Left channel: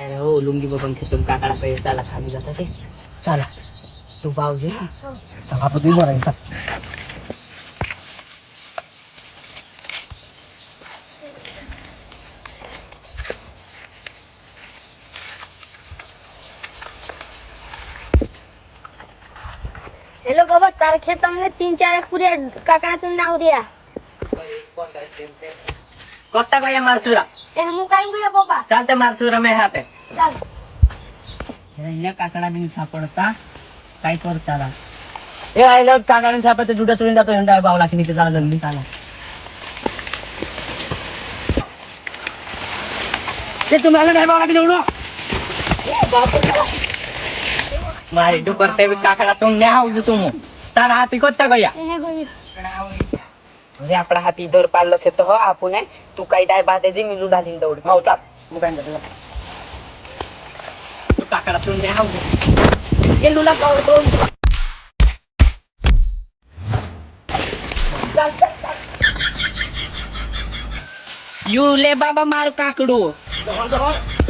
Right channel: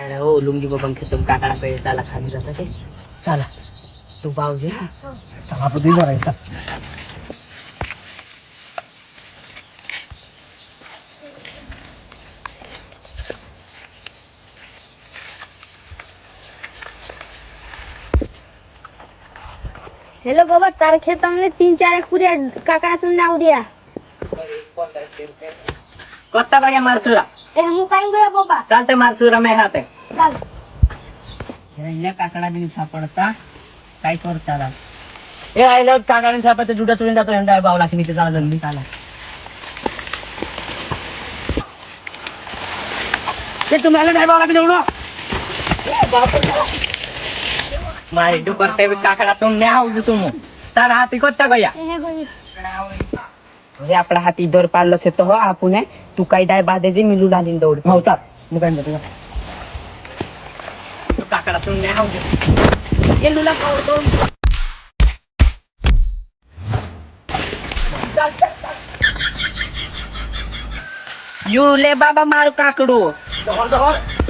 अरे हो लुंगी बघून खेळून काकाला पहिले चाला खाली जाता ते चला तू भाऊजी सभापती बघायचा हेलो बाबा तार खेत में 3-4 पूरे काका से नाव दिया कोत्ता भैया मारसुरा ए हम काय गया बाबा चालते मारसुरा मैं यहाँ पे चल काकडा बिन सापडता काय कर चाला ए आयला काकडा सापडते जुटा चुरून जातो हेंडा बावला की नीचे चाला जल्दी चाला ते तुम्हाला नाही बावला की जेवढं मारे डुकर पे काकडा तुम ने आऊ तुम तारा हाती कोत्ता गया ए गई अरे आपला हाती दर पाडलं से तो आपण तू काही डाय बांधे दे मी लुडा दिन दौड हो चाल निघाल तू काकडा तुम ने आऊ ये लुला दौड यू ले बाबा मारू काकडू